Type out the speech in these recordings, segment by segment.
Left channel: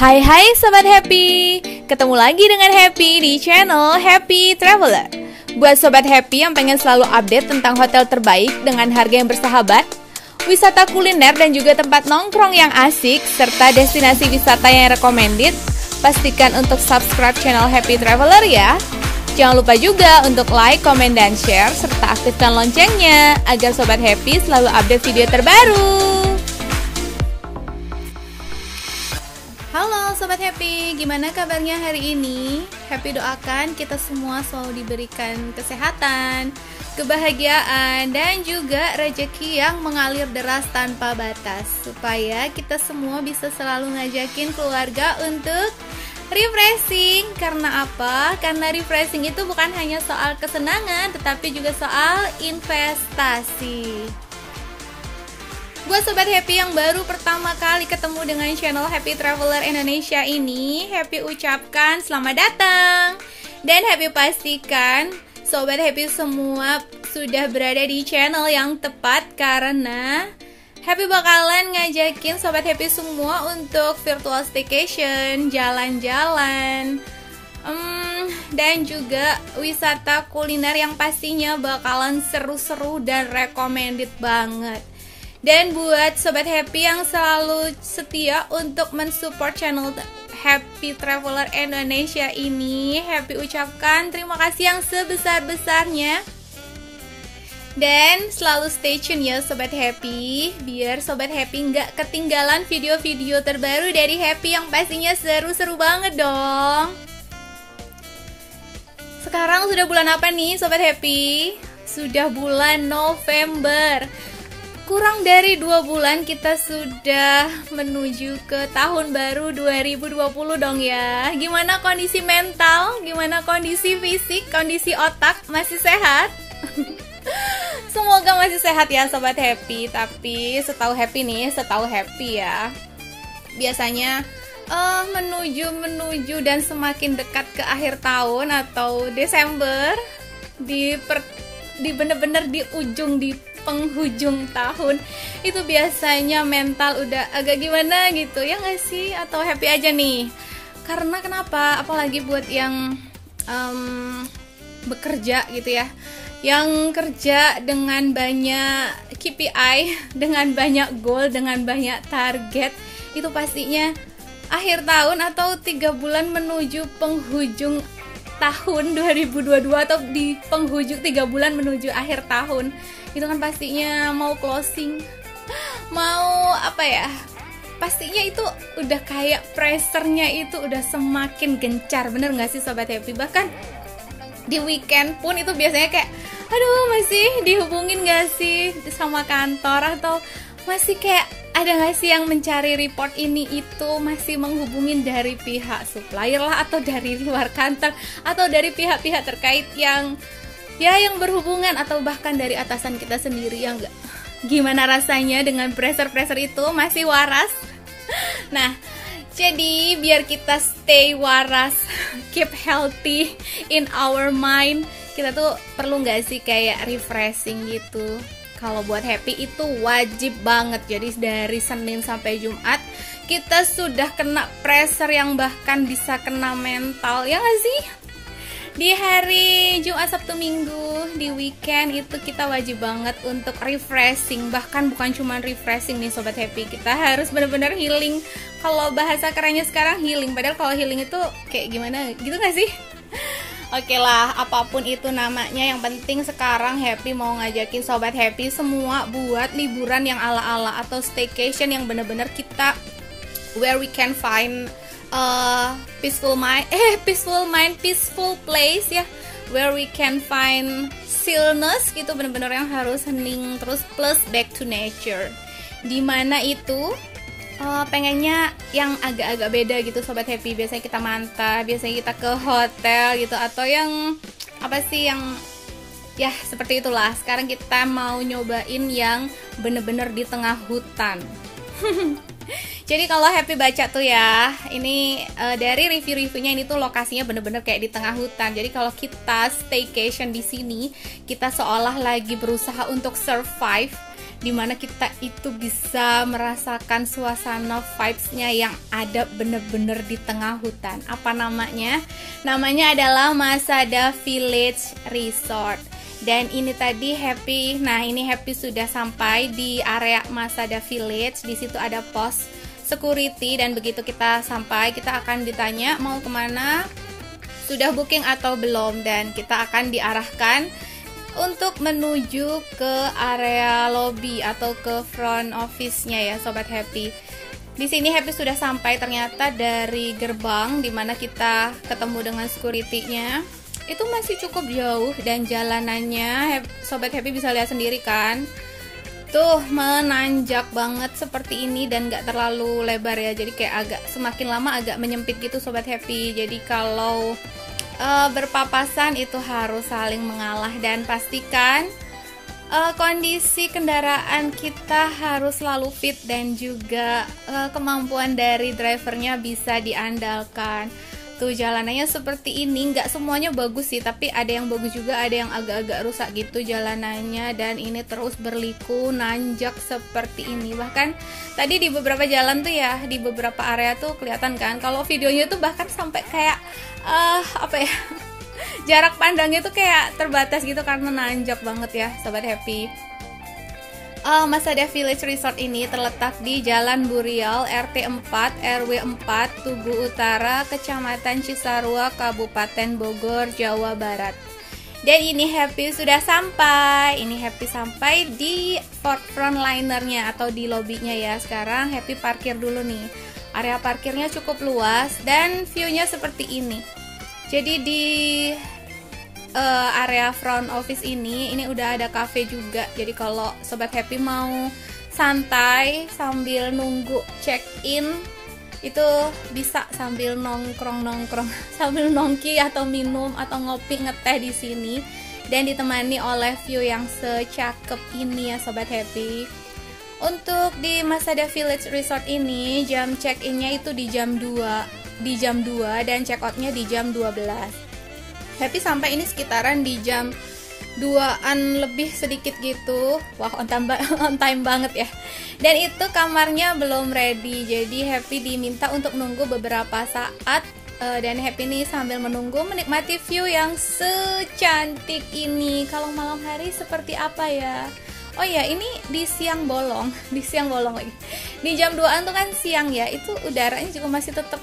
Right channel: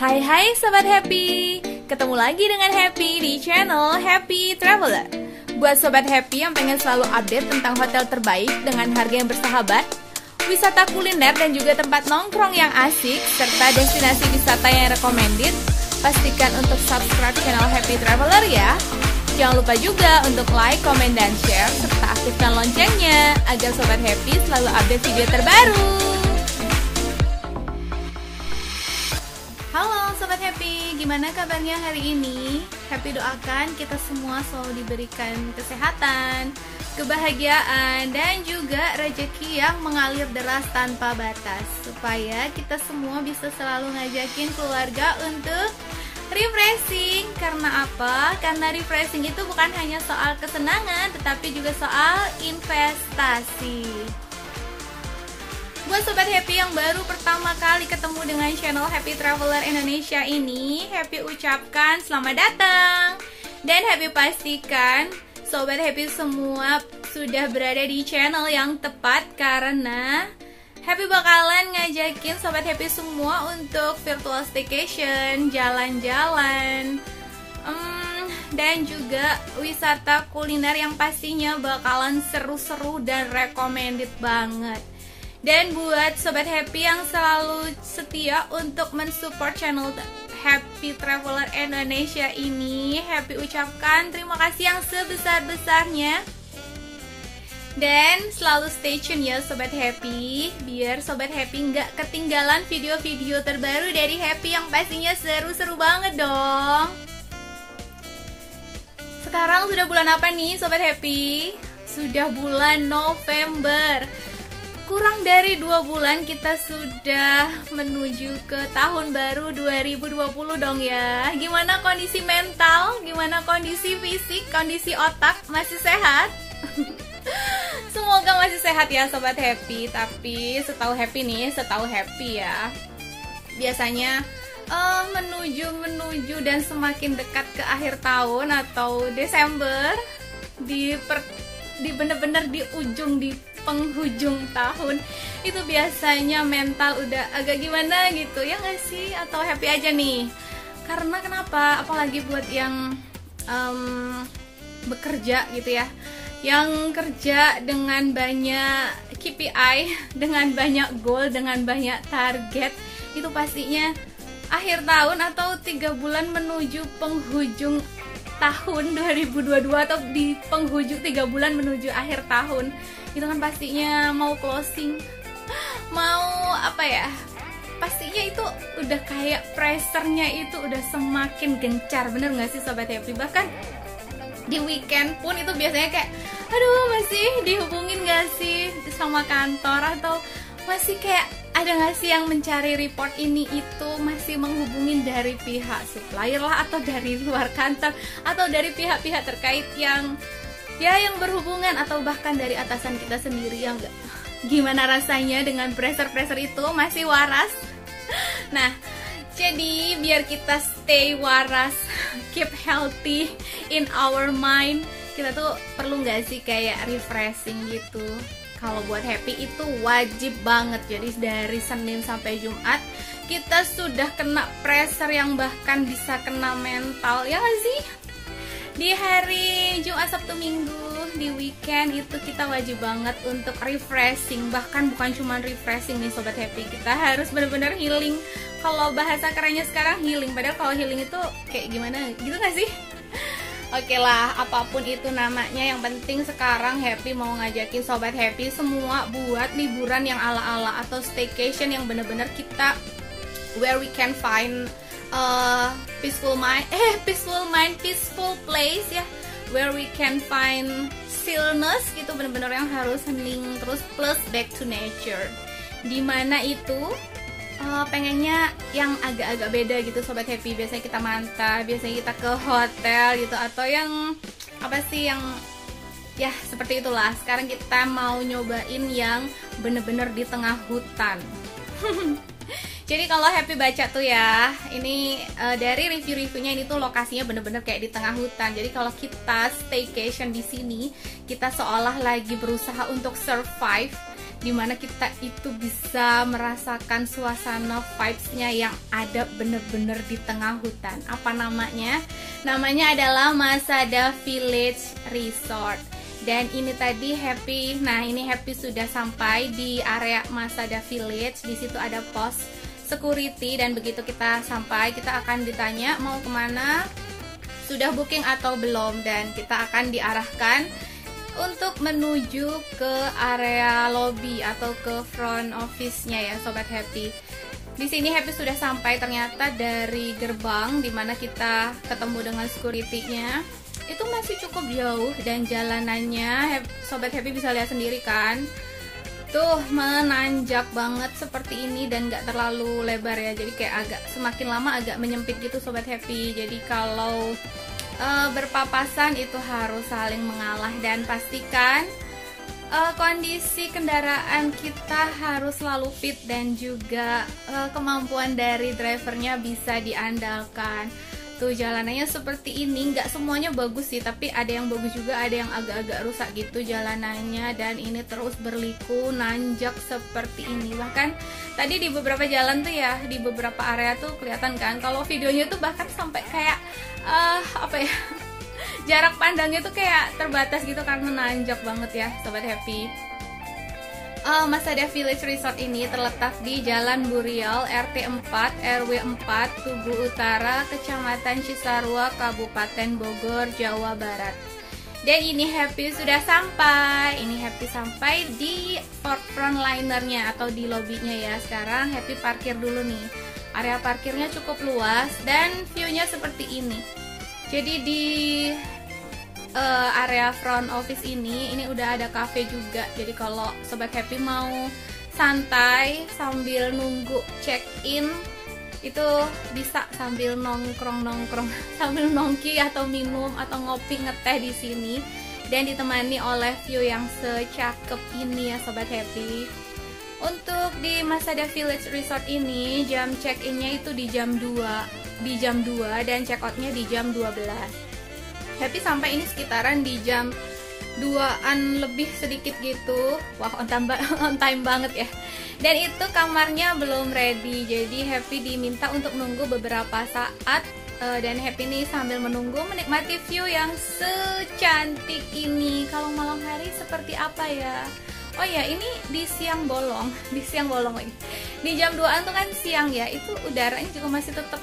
Hai Sobat Happy, ketemu lagi dengan Happy di channel Happy Traveler. Buat Sobat Happy yang pengen selalu update tentang hotel terbaik dengan harga yang bersahabat, wisata kuliner dan juga tempat nongkrong yang asik, serta destinasi wisata yang recommended, pastikan untuk subscribe channel Happy Traveler ya. Jangan lupa juga untuk like, komen, dan share, serta aktifkan loncengnya agar Sobat Happy selalu update video terbaru. Halo Sobat Happy, gimana kabarnya hari ini? Happy doakan kita semua selalu diberikan kesehatan, kebahagiaan, dan juga rezeki yang mengalir deras tanpa batas, supaya kita semua bisa selalu ngajakin keluarga untuk refreshing. Karena apa? Karena refreshing itu bukan hanya soal kesenangan, tetapi juga soal investasi. Buat Sobat Happy yang baru pertama kali ketemu dengan channel Happy Traveler Indonesia ini, Happy ucapkan selamat datang. Dan Happy pastikan Sobat Happy semua sudah berada di channel yang tepat, karena Happy bakalan ngajakin Sobat Happy semua untuk virtual staycation, jalan-jalan, dan juga wisata kuliner yang pastinya bakalan seru-seru dan recommended banget. Dan buat Sobat Happy yang selalu setia untuk mensupport channel Happy Traveler Indonesia ini, Happy ucapkan terima kasih yang sebesar-besarnya. Dan selalu stay tune ya Sobat Happy, biar Sobat Happy nggak ketinggalan video-video terbaru dari Happy yang pastinya seru-seru banget dong. Sekarang sudah bulan apa nih Sobat Happy? Sudah bulan November. Kurang dari 2 bulan kita sudah menuju ke tahun baru 2020 dong ya. Gimana kondisi mental, gimana kondisi fisik, kondisi otak, masih sehat? Semoga masih sehat ya Sobat Happy. Tapi setahu Happy ya, biasanya menuju dan semakin dekat ke akhir tahun atau Desember, di bener-bener di penghujung tahun itu biasanya mental udah agak gimana gitu ya nggak sih? Atau happy aja nih? Karena kenapa? Apalagi buat yang bekerja gitu ya, yang kerja dengan banyak KPI, dengan banyak goal, dengan banyak target, itu pastinya akhir tahun atau 3 bulan menuju penghujung tahun 2022 atau di penghujung 3 bulan menuju akhir tahun, itu kan pastinya mau closing, mau apa ya, pastinya itu udah kayak pressure-nya itu udah semakin gencar, bener gak sih Sobat Happy? Bahkan di weekend pun itu biasanya kayak aduh, masih dihubungin gak sih sama kantor, atau masih kayak ada gak sih yang mencari report ini itu, masih menghubungin dari pihak supplier lah, atau dari luar kantor, atau dari pihak-pihak terkait yang berhubungan, atau bahkan dari atasan kita sendiri ya enggak. Gimana rasanya dengan pressure itu masih waras? Nah, jadi biar kita stay waras, keep healthy in our mind, kita tuh perlu nggak sih kayak refreshing gitu? Kalau buat Happy itu wajib banget. Jadi dari Senin sampai Jumat kita sudah kena pressure yang bahkan bisa kena mental, ya nggak sih? Di hari Jumat, Sabtu, Minggu, di weekend itu kita wajib banget untuk refreshing. Bahkan bukan cuma refreshing nih Sobat Happy, kita harus benar-benar healing. Kalau bahasa kerennya sekarang healing, padahal kalau healing itu kayak gimana gitu gak sih? Oke lah, apapun itu namanya, yang penting sekarang Happy mau ngajakin Sobat Happy semua buat liburan yang ala-ala atau staycation yang benar-benar kita where we can find peaceful place ya, where we can find stillness gitu, bener-bener yang harus hening terus, plus back to nature. Dimana itu pengennya yang agak-agak beda gitu Sobat Happy. Biasanya kita mantap, biasanya kita ke hotel gitu, atau yang apa sih, yang ya seperti itulah. Sekarang kita mau nyobain yang bener-bener di tengah hutan. Jadi kalau Happy baca tuh ya, ini dari review-reviewnya, ini tuh lokasinya bener-bener kayak di tengah hutan. Jadi kalau kita staycation di sini, kita seolah lagi berusaha untuk survive dimana kita itu bisa merasakan suasana vibes-nya yang ada bener-bener di tengah hutan. Apa namanya? Namanya adalah Masada Village Resort. Dan ini tadi Happy, nah ini Happy sudah sampai di area Masada Village. Di situ ada pos security dan begitu kita sampai kita akan ditanya mau kemana, sudah booking atau belum, dan kita akan diarahkan untuk menuju ke area lobby atau ke front office-nya ya Sobat Happy. Di sini Happy sudah sampai ternyata dari gerbang dimana kita ketemu dengan security-nya. Itu masih cukup jauh dan jalanannya Sobat Happy bisa lihat sendiri kan. Tuh menanjak banget seperti ini dan gak terlalu lebar ya. Jadi kayak agak semakin lama agak menyempit gitu Sobat Happy. Jadi kalau berpapasan itu harus saling mengalah dan pastikan kondisi kendaraan kita harus selalu fit dan juga kemampuan dari drivernya bisa diandalkan. Tuh jalanannya seperti ini, nggak semuanya bagus sih, tapi ada yang bagus juga, ada yang agak-agak rusak gitu jalanannya, dan ini terus berliku nanjak seperti ini. Bahkan tadi di beberapa jalan tuh ya, di beberapa area tuh kelihatan kan, kalau videonya tuh bahkan sampai kayak apa ya, jarak pandangnya tuh kayak terbatas gitu karena nanjak banget ya Sobat Happy. Masada Village Resort ini terletak di Jalan Burial, RT 4, RW 4, Tugu Utara, Kecamatan Cisarua, Kabupaten Bogor, Jawa Barat. Dan ini Happy sudah sampai. Ini Happy sampai di frontlinernya atau di lobbynya ya. Sekarang Happy parkir dulu nih. Area parkirnya cukup luas dan view-nya seperti ini. Jadi di area front office ini udah ada cafe juga. Jadi kalau Sobat Happy mau santai sambil nunggu check in itu bisa sambil nongkrong sambil nongki atau minum atau ngopi ngeteh di sini dan ditemani oleh view yang secakep ini ya Sobat Happy. Untuk di Masada Village Resort ini jam check innya itu di jam 2 dan check outnya di jam 12. Happy sampai ini sekitaran di jam 2-an lebih sedikit gitu. Wah, on time banget ya. Dan itu kamarnya belum ready. Jadi Happy diminta untuk nunggu beberapa saat. Dan Happy nih sambil menunggu menikmati view yang secantik ini. Kalau malam hari seperti apa ya? Oh ya, ini di siang bolong. Di siang bolong lagi. Di jam 2-an tuh kan siang ya. Itu udaranya juga masih tetap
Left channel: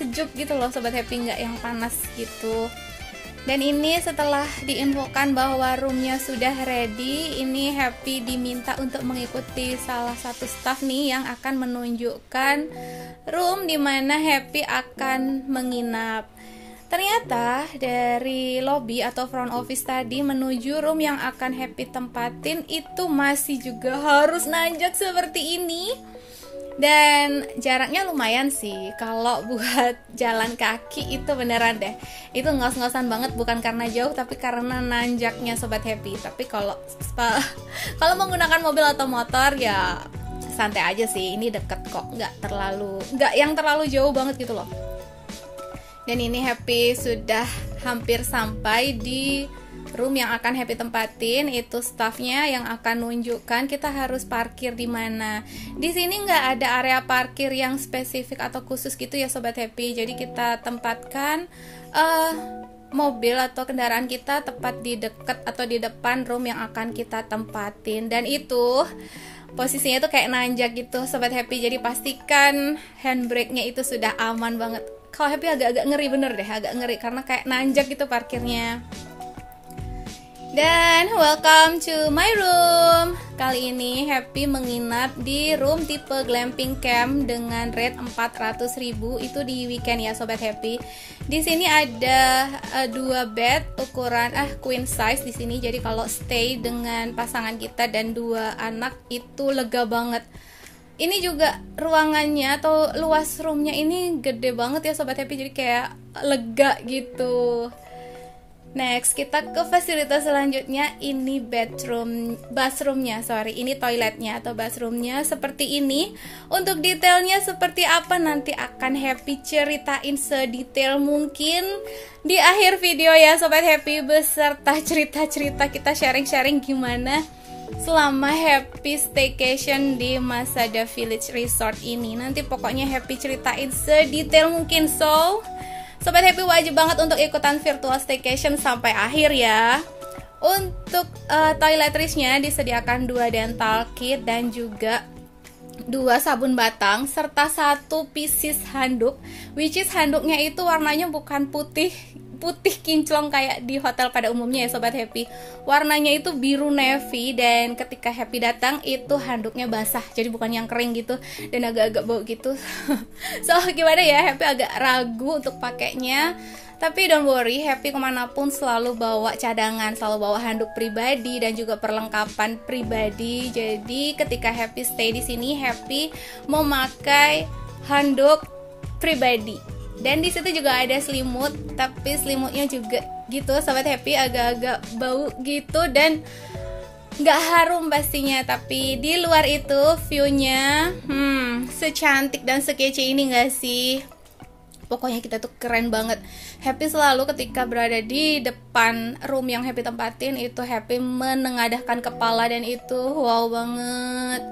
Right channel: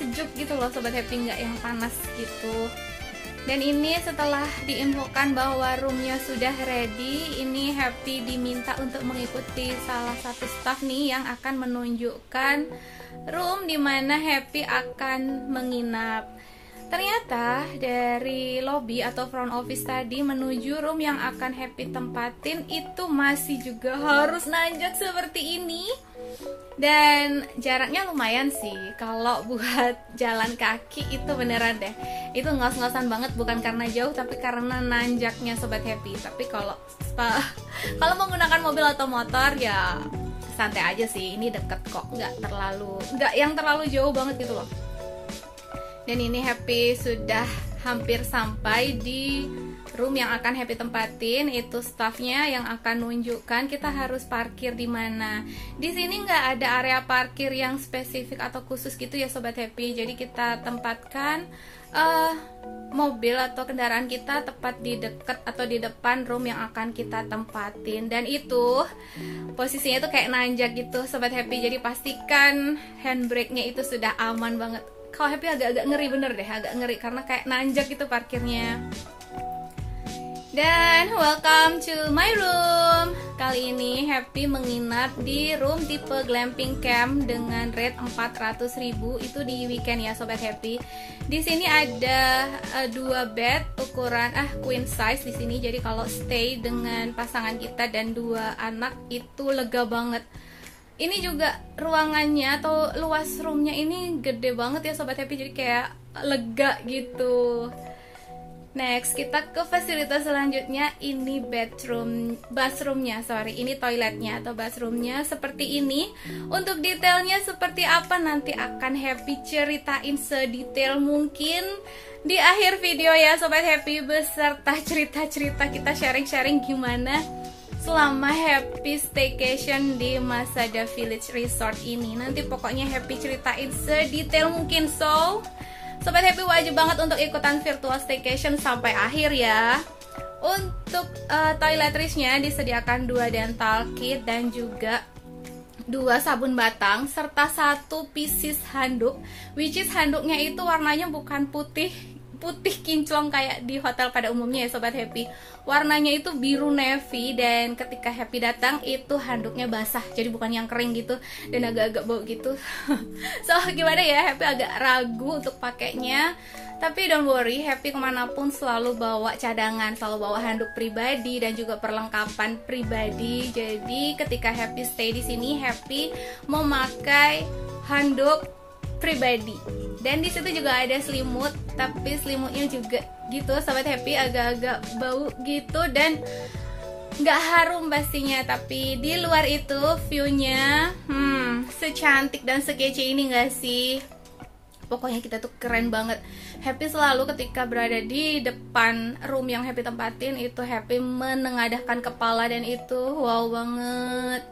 sejuk gitu loh Sobat Happy, nggak yang panas gitu. Dan ini setelah diinfokan bahwa roomnya sudah ready, ini Happy diminta untuk mengikuti salah satu staff nih yang akan menunjukkan room dimana Happy akan menginap. Ternyata dari lobby atau front office tadi menuju room yang akan Happy tempatin itu masih juga harus nanjak seperti ini. Dan jaraknya lumayan sih. Kalau buat jalan kaki itu beneran deh, itu ngos-ngosan banget, bukan karena jauh tapi karena nanjaknya Sobat Happy. Tapi kalau menggunakan mobil atau motor ya santai aja sih, ini deket kok, nggak yang terlalu jauh banget gitu loh. Dan ini Happy sudah hampir sampai di room yang akan Happy tempatin. Itu staffnya yang akan nunjukkan kita harus parkir di mana. Di sini nggak ada area parkir yang spesifik atau khusus gitu ya Sobat Happy. Jadi kita tempatkan mobil atau kendaraan kita tepat di dekat atau di depan room yang akan kita tempatin. Dan itu posisinya tuh kayak nanjak gitu Sobat Happy. Jadi pastikan handbrake-nya itu sudah aman banget. Kalau Happy agak-agak ngeri bener deh, agak ngeri karena kayak nanjak gitu parkirnya. Dan welcome to my room. Kali ini Happy menginap di room tipe glamping camp dengan rate 400.000. Itu di weekend ya Sobat Happy. Di sini ada 2 bed ukuran queen size di sini. Jadi kalau stay dengan pasangan kita dan 2 anak itu lega banget. Ini juga ruangannya atau luas roomnya ini gede banget ya Sobat Happy. Jadi kayak lega gitu. Next, kita ke fasilitas selanjutnya. Ini ini toiletnya atau bathroomnya seperti ini. Untuk detailnya seperti apa nanti akan Happy ceritain sedetail mungkin di akhir video ya Sobat Happy, beserta cerita-cerita kita sharing-sharing gimana selama Happy staycation di Masada Village Resort ini. Nanti pokoknya Happy ceritain sedetail mungkin. So, Sobat Happy wajib banget untuk ikutan virtual staycation sampai akhir ya. Untuk toiletries-nya disediakan 2 dental kit dan juga 2 sabun batang serta 1 pieces handuk, which is handuknya itu warnanya bukan putih kinclong kayak di hotel pada umumnya ya Sobat Happy. Warnanya itu biru navy, dan ketika Happy datang itu handuknya basah, jadi bukan yang kering gitu dan agak-agak bau gitu. So gimana ya, Happy agak ragu untuk pakainya. Tapi don't worry, Happy kemanapun selalu bawa cadangan, selalu bawa handuk pribadi dan juga perlengkapan pribadi. Jadi ketika Happy stay di sini, Happy memakai handuk pribadi. Dan di situ juga ada selimut, tapi selimutnya juga gitu Sobat Happy agak-agak bau gitu dan nggak harum pastinya. Tapi di luar itu view-nya secantik dan sekece ini nggak sih? Pokoknya kita tuh keren banget. Happy selalu ketika berada di depan room yang Happy tempatin itu Happy menengadahkan kepala dan itu wow banget.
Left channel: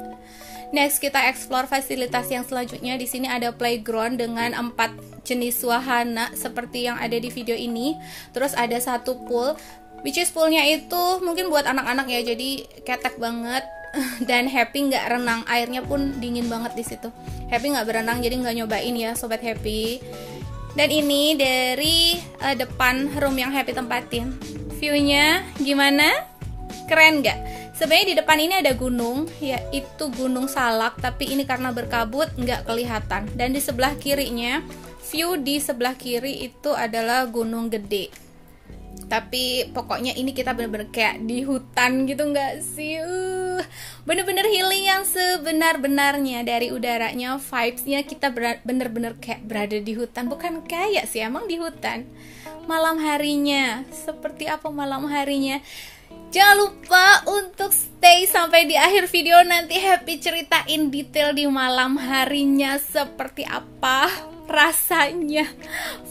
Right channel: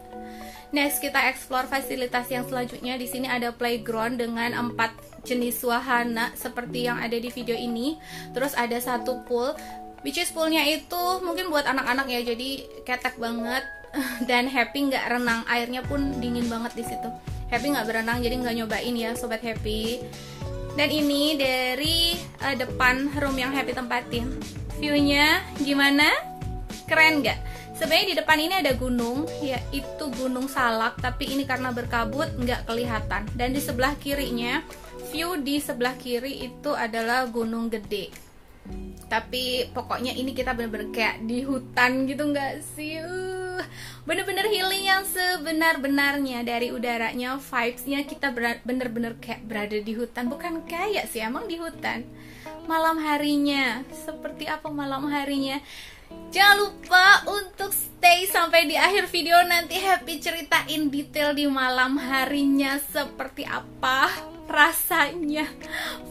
Next kita explore fasilitas yang selanjutnya. Di sini ada playground dengan 4 jenis wahana seperti yang ada di video ini. Terus ada 1 pool, which is poolnya itu mungkin buat anak-anak ya, jadi ketek banget. Dan Happy nggak renang, airnya pun dingin banget di situ. Happy nggak berenang jadi nggak nyobain ya Sobat Happy. Dan ini dari depan room yang Happy tempatin. View-nya gimana? Keren nggak? Sebenarnya di depan ini ada gunung, yaitu Gunung Salak, tapi ini karena berkabut nggak kelihatan. Dan di sebelah kirinya, view di sebelah kiri itu adalah Gunung Gede. Tapi pokoknya ini kita bener-bener kayak di hutan gitu nggak sih? Bener-bener healing yang sebenar-benarnya. Dari udaranya, vibes-nya kita bener-bener kayak berada di hutan. Bukan kayak sih, emang di hutan. Malam harinya, seperti apa malam harinya? Jangan lupa untuk stay sampai di akhir video. Nanti Happy ceritain detail di malam harinya seperti apa rasanya,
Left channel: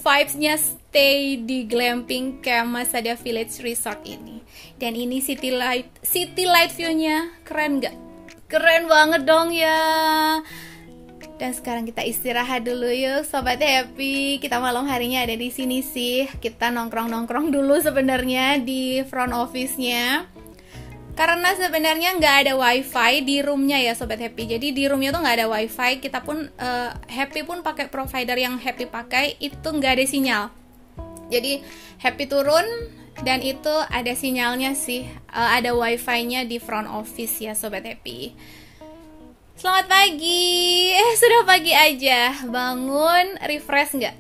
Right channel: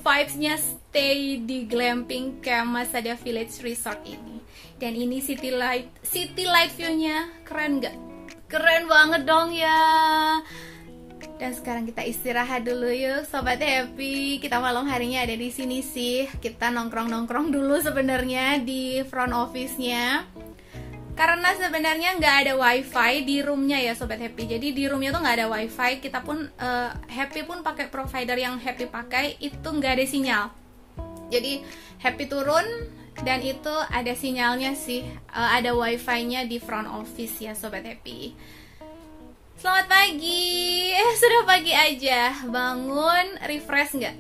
vibes-nya stay di glamping camp Masada Village Resort ini. Dan ini city light view-nya keren gak? Keren banget dong ya. Dan sekarang kita istirahat dulu yuk Sobat Happy. Kita malam harinya ada di sini sih. Kita nongkrong-nongkrong dulu sebenarnya di front office-nya. Karena sebenarnya nggak ada wifi di roomnya ya Sobat Happy. Jadi di roomnya tuh nggak ada wifi. Kita pun Happy pun pakai provider yang Happy pakai itu nggak ada sinyal. Jadi Happy turun dan itu ada sinyalnya sih. Ada wifi-nya di front office ya Sobat Happy. Selamat pagi. Sudah pagi aja. Bangun, refresh nggak?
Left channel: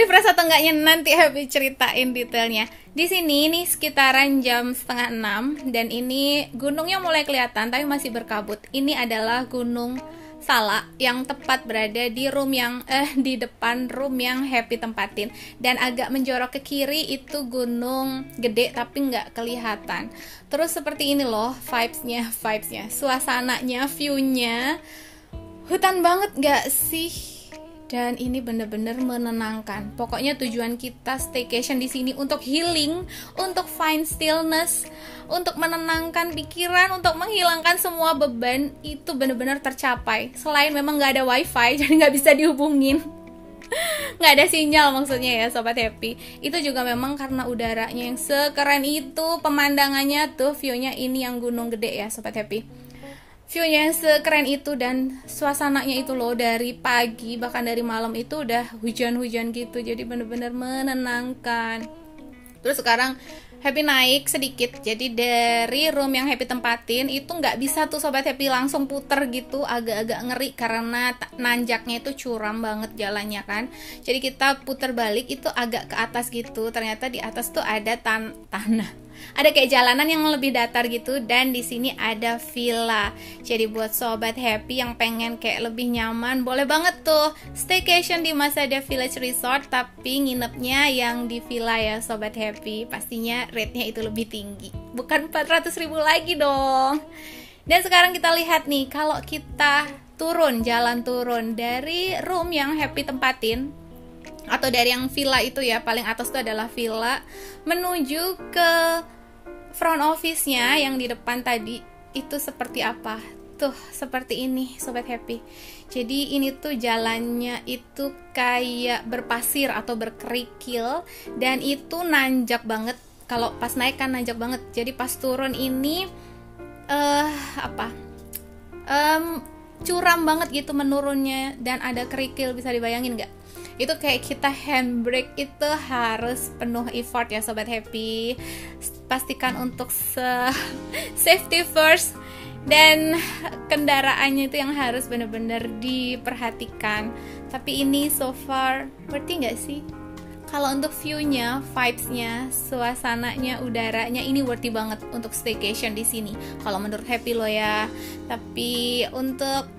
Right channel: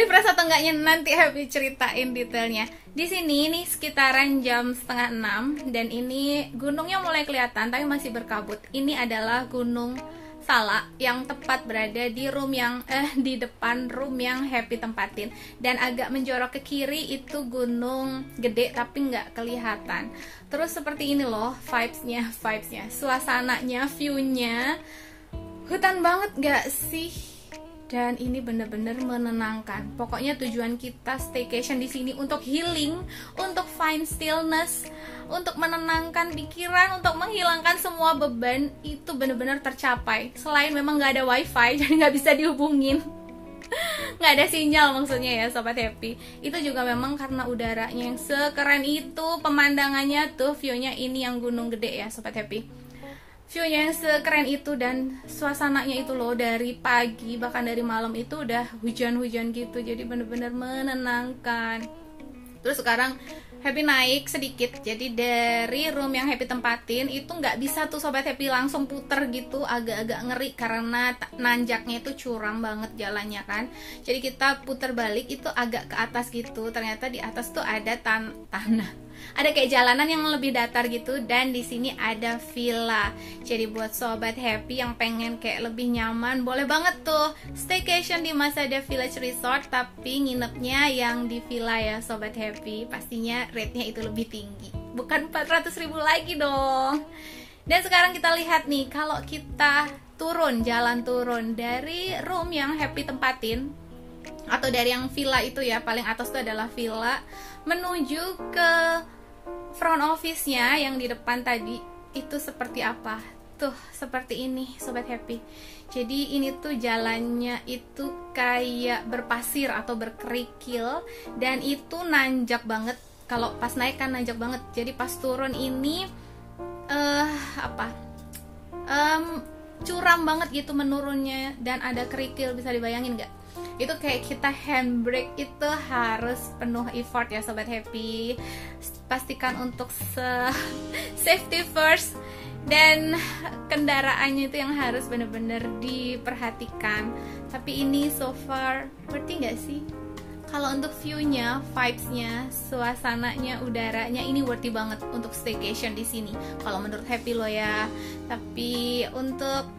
Refresh atau enggaknya nanti Happy ceritain detailnya. Di sini nih sekitaran jam 5:30 dan ini gunungnya mulai kelihatan tapi masih berkabut. Ini adalah Gunung Salak yang tepat berada di room yang di depan room yang Happy tempatin, dan agak menjorok ke kiri itu Gunung Gede tapi nggak kelihatan. Terus seperti ini loh vibes-nya, suasananya, view-nya hutan banget nggak sih? Dan ini bener-bener menenangkan. Pokoknya tujuan kita staycation di sini untuk healing, untuk find stillness, untuk menenangkan pikiran, untuk menghilangkan semua beban, itu bener-bener tercapai. Selain memang nggak ada wifi, jadi nggak bisa dihubungin, nggak ada sinyal maksudnya ya Sobat Happy. Itu juga memang karena udaranya yang sekeren itu, pemandangannya tuh view-nya ini yang Gunung Gede ya Sobat Happy. View-nya sekeren itu dan suasananya itu loh, dari pagi bahkan dari malam itu udah hujan-hujan gitu, jadi bener-bener menenangkan. Terus sekarang Happy naik sedikit, jadi dari room yang Happy tempatin itu nggak bisa tuh Sobat Happy langsung puter gitu, agak-agak ngeri karena nanjaknya itu curam banget jalannya kan. Jadi kita puter balik itu agak ke atas gitu, ternyata di atas tuh ada tanah, ada kayak jalanan yang lebih datar gitu, dan di sini ada villa. Jadi buat Sobat Happy yang pengen kayak lebih nyaman, boleh banget tuh staycation di Masada Village Resort, tapi nginepnya yang di villa ya Sobat Happy. Pastinya rate-nya itu lebih tinggi, bukan 400.000 lagi dong. Dan sekarang kita lihat nih, kalau kita jalan turun dari room yang Happy tempatin atau dari yang villa itu ya, paling atas itu adalah villa, menuju ke front office-nya yang di depan tadi itu seperti apa. Tuh, seperti ini Sobat Happy. Jadi ini tuh jalannya itu kayak berpasir atau berkerikil, dan itu nanjak banget. Kalau pas naik kan nanjak banget. Jadi pas turun ini curam banget gitu menurunnya, dan ada kerikil, bisa dibayangin nggak? Itu kayak kita handbrake itu harus penuh effort ya Sobat Happy. Pastikan untuk safety first, dan kendaraannya itu yang harus benar-benar diperhatikan. Tapi ini so far worthy nggak sih? Kalau untuk view-nya, vibes-nya, suasananya, udaranya, ini worthy banget untuk staycation di sini. Kalau menurut Happy lo ya. Tapi untuk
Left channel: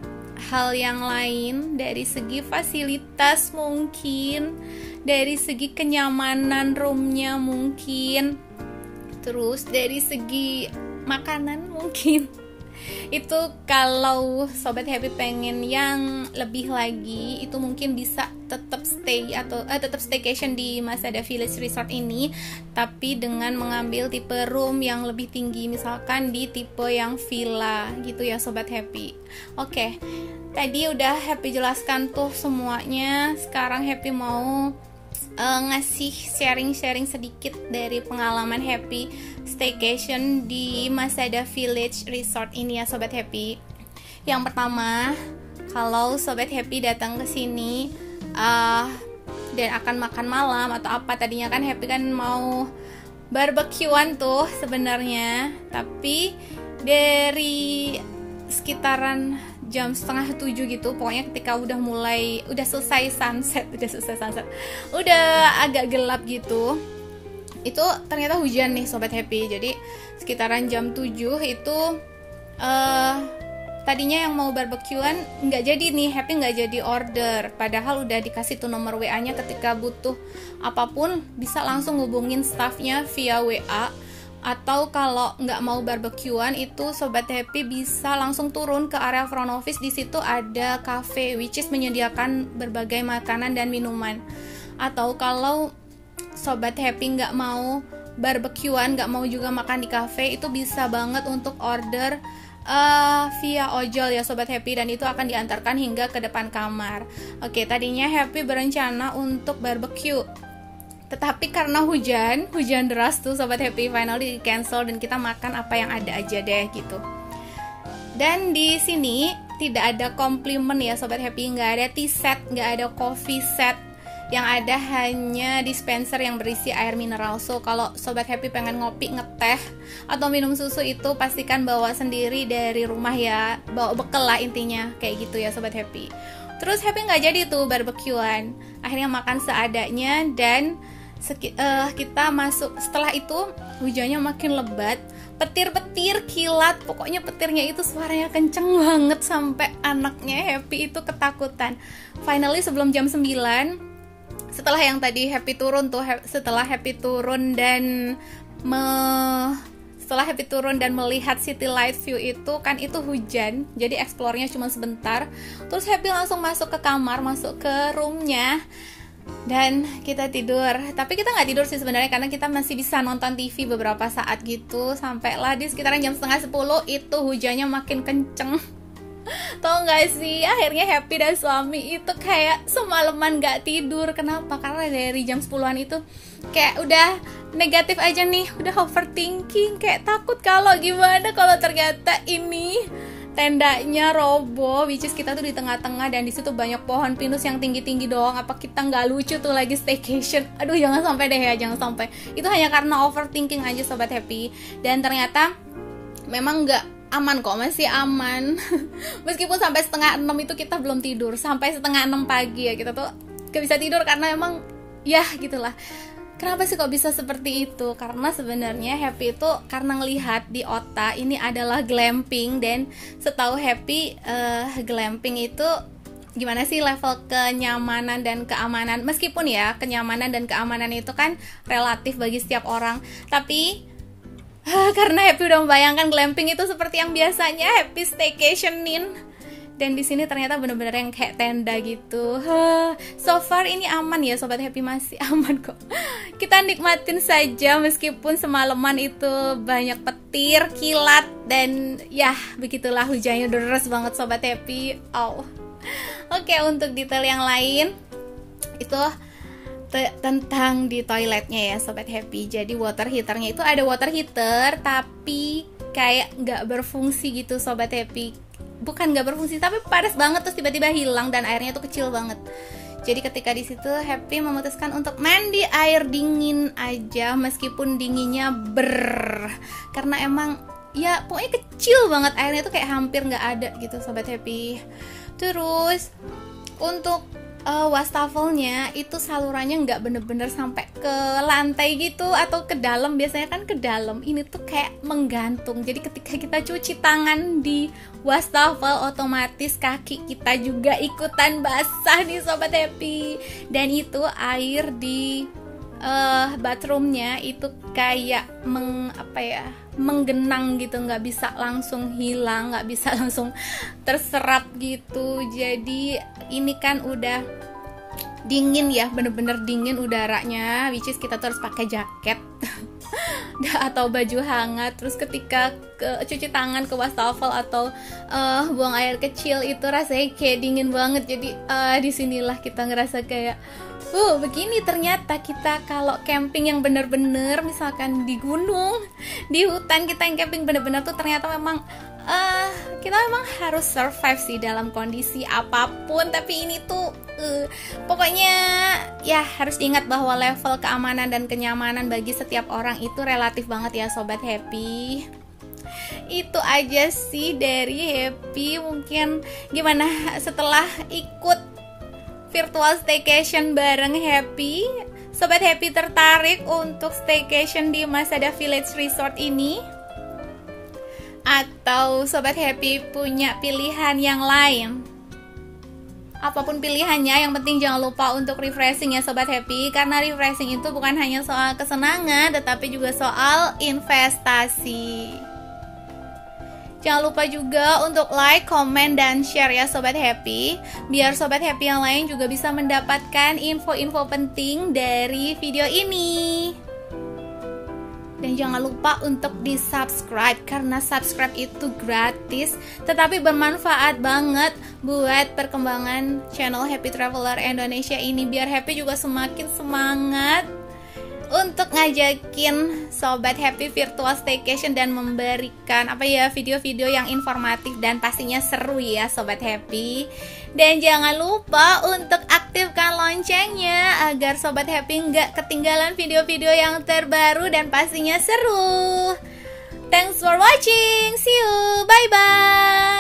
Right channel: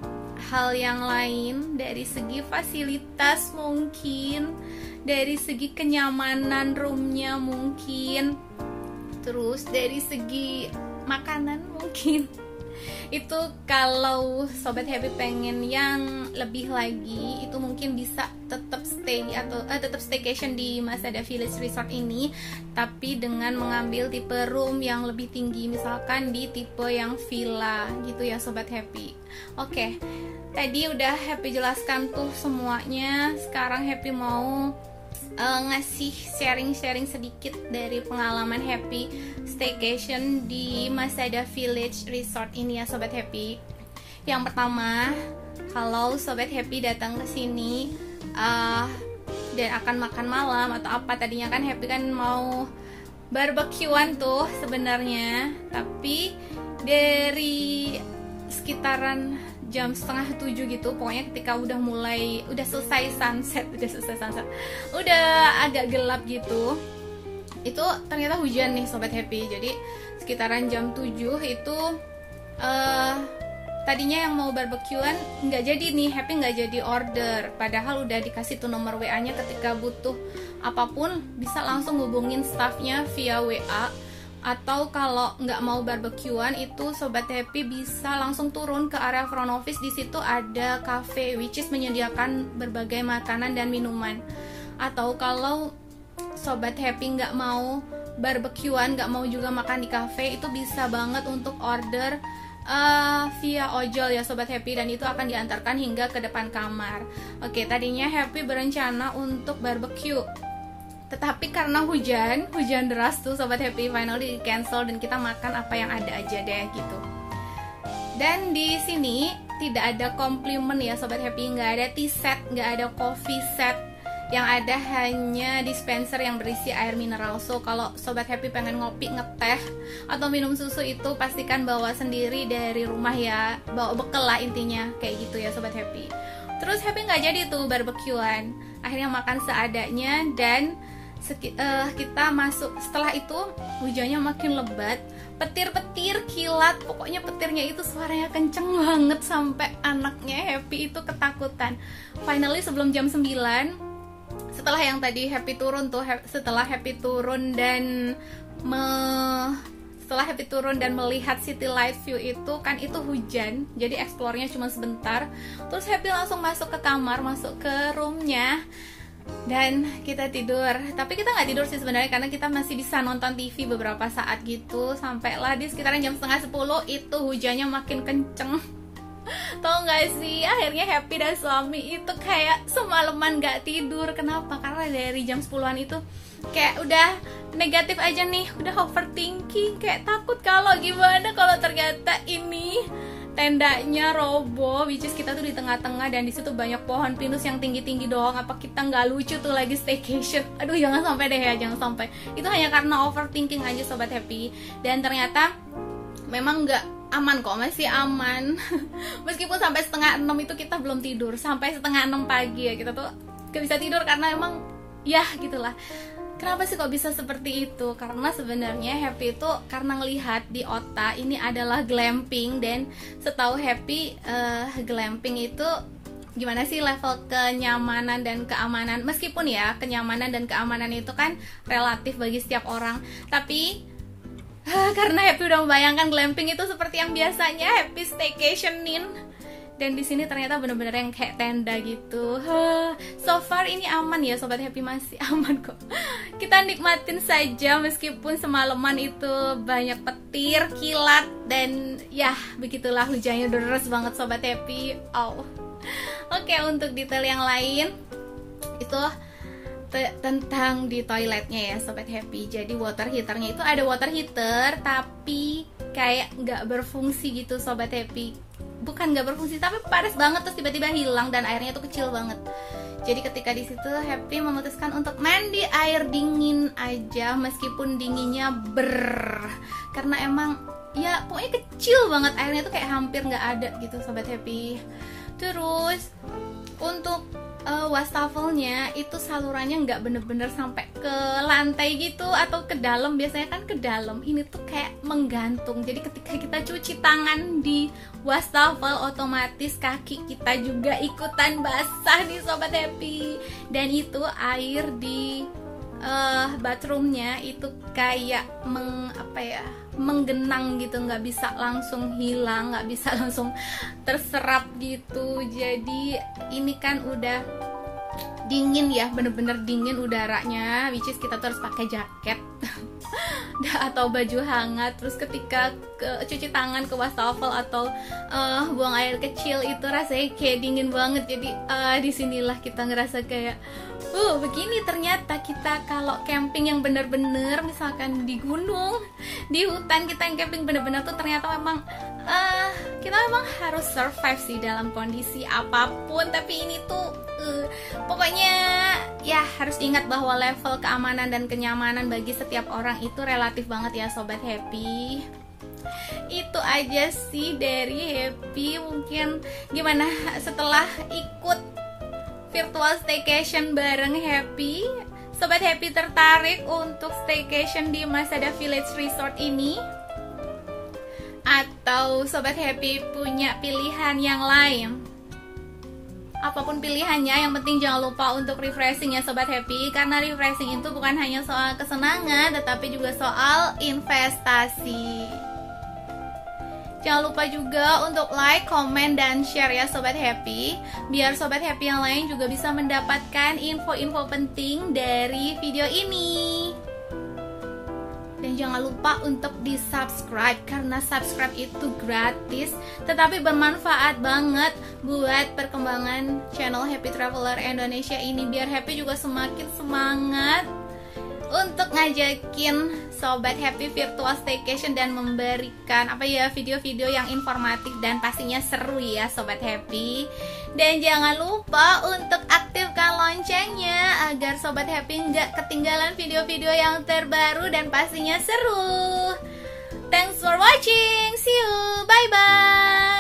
hal yang lain, dari segi fasilitas mungkin, dari segi kenyamanan roomnya mungkin, terus dari segi makanan mungkin, itu kalau Sobat Happy pengen yang lebih lagi, itu mungkin bisa tetap stay atau tetap staycation di Masada Village Resort ini, tapi dengan mengambil tipe room yang lebih tinggi, misalkan di tipe yang villa gitu ya Sobat Happy. Oke, tadi udah Happy jelaskan tuh semuanya. Sekarang Happy mau ngasih sharing-sharing sedikit dari pengalaman Happy staycation di Masada Village Resort ini ya Sobat Happy. Yang pertama, kalau Sobat Happy datang ke sini dan akan makan malam atau apa, tadinya kan Happy kan mau barbekyuan tuh sebenarnya, tapi dari sekitaran jam 6:30 gitu, pokoknya ketika udah selesai sunset, udah agak gelap gitu, itu ternyata hujan nih Sobat Happy. Jadi sekitaran jam 7 itu tadinya yang mau barbekyuan nggak jadi nih, Happy nggak jadi order, padahal udah dikasih tuh nomor WA-nya, ketika butuh apapun bisa langsung hubungin staffnya via WA. Atau kalau nggak mau barbekyuan, itu Sobat Happy bisa langsung turun ke area front office. Di situ ada cafe which is menyediakan berbagai makanan dan minuman. Atau kalau Sobat Happy nggak mau barbekyuan, nggak mau juga makan di cafe, itu bisa banget untuk order via ojol ya Sobat Happy, dan itu akan diantarkan hingga ke depan kamar. Oke, tadinya Happy berencana untuk barbecue, tetapi karena hujan deras tuh Sobat Happy, finally di cancel dan kita makan apa yang ada aja deh gitu. Dan di sini tidak ada komplimen ya Sobat Happy, nggak ada tea set, nggak ada coffee set, yang ada hanya dispenser yang berisi air mineral. So kalau Sobat Happy pengen ngopi, ngeteh, atau minum susu, itu pastikan bawa sendiri dari rumah ya, bawa bekal lah intinya, kayak gitu ya Sobat Happy. Terus Happy nggak jadi tuh barbekyuan, akhirnya makan seadanya, dan kita masuk. Setelah itu hujannya makin lebat, petir-petir, kilat, pokoknya petirnya itu suaranya kenceng banget sampai anaknya Happy itu ketakutan. Finally sebelum jam 9, setelah yang tadi Happy turun tuh, setelah Happy turun dan melihat city light view itu kan, itu hujan, jadi explore-nya cuma sebentar. Terus Happy langsung masuk ke kamar, masuk ke roomnya, dan kita tidur. Tapi kita nggak tidur sih sebenarnya, karena kita masih bisa nonton TV beberapa saat gitu, sampailah di sekitaran jam 9:30 itu hujannya makin kenceng. Tau nggak sih, akhirnya Happy dan suami itu kayak semalaman nggak tidur. Kenapa? Karena dari jam 10-an itu kayak udah negatif aja nih, udah overthinking, kayak takut kalau gimana kalau ternyata ini tendanya roboh, which is kita tuh di tengah-tengah dan di situ banyak pohon pinus yang tinggi-tinggi doang. Apa kita nggak lucu tuh lagi staycation? Aduh, jangan sampai deh ya, jangan sampai. Itu hanya karena overthinking aja Sobat Happy. Dan ternyata memang nggak aman kok, masih aman. Meskipun sampai 5:30 itu kita belum tidur, sampai 5:30 pagi ya kita tuh gak bisa tidur, karena emang ya gitulah. Kenapa sih kok bisa seperti itu? Karena sebenarnya Happy itu karena ngelihat di otak ini adalah glamping, dan setahu Happy glamping itu gimana sih level kenyamanan dan keamanan. Meskipun ya kenyamanan dan keamanan itu kan relatif bagi setiap orang, tapi karena Happy udah membayangkan glamping itu seperti yang biasanya Happy staycationin Dan di sini ternyata bener-bener yang kayak tenda gitu. So far ini aman ya Sobat Happy, masih aman kok. Kita nikmatin saja meskipun semalaman itu banyak petir, kilat, dan ya begitulah hujannya deras banget Sobat Happy. Oke, untuk detail yang lain itu tentang di toiletnya ya Sobat Happy. Jadi water heaternya itu ada water heater tapi kayak nggak berfungsi gitu Sobat Happy. Bukan nggak berfungsi, tapi panas banget terus tiba-tiba hilang dan airnya tuh kecil banget. Jadi ketika di situ Happy memutuskan untuk mandi air dingin aja meskipun dinginnya karena emang ya pokoknya kecil banget, airnya tuh kayak hampir nggak ada gitu Sobat Happy. Terus untuk wastafelnya itu salurannya nggak bener-bener sampai ke lantai gitu atau ke dalam, biasanya kan ke dalam, ini tuh kayak menggantung. Jadi ketika kita cuci tangan di wastafel otomatis kaki kita juga ikutan basah nih Sobat Happy. Dan itu air di bathroomnya itu kayak menggenang gitu, nggak bisa langsung hilang, nggak bisa langsung terserap gitu. Jadi ini kan udah dingin ya, bener-bener dingin udaranya, which is kita terus pakai jaket atau baju hangat. Terus ketika cuci tangan ke wastafel atau buang air kecil itu rasanya kayak dingin banget. Jadi disinilah kita ngerasa kayak begini ternyata kita kalau camping yang bener-bener misalkan di gunung, di hutan, kita yang camping bener-bener tuh ternyata memang kita memang harus survive sih dalam kondisi apapun. Tapi ini tuh pokoknya ya harus ingat bahwa level keamanan dan kenyamanan bagi setiap orang itu relatif banget ya Sobat Happy. Itu aja sih dari Happy. Mungkin gimana setelah ikut virtual staycation bareng Happy, Sobat Happy tertarik untuk staycation di Masada Village Resort ini? Atau Sobat Happy punya pilihan yang lain? Apapun pilihannya, yang penting jangan lupa untuk refreshing ya Sobat Happy. Karena refreshing itu bukan hanya soal kesenangan, tetapi juga soal investasi. Jangan lupa juga untuk like, komen, dan share ya Sobat Happy, biar Sobat Happy yang lain juga bisa mendapatkan info-info penting dari video ini. Dan jangan lupa untuk di subscribe, karena subscribe itu gratis tetapi bermanfaat banget buat perkembangan channel Happy Traveler Indonesia ini, biar Happy juga semakin semangat untuk ngajakin Sobat Happy virtual staycation dan memberikan video-video yang informatif dan pastinya seru ya Sobat Happy. Dan jangan lupa untuk aktifkan loncengnya agar Sobat Happy nggak ketinggalan video-video yang terbaru dan pastinya seru. Thanks for watching, see you, bye bye.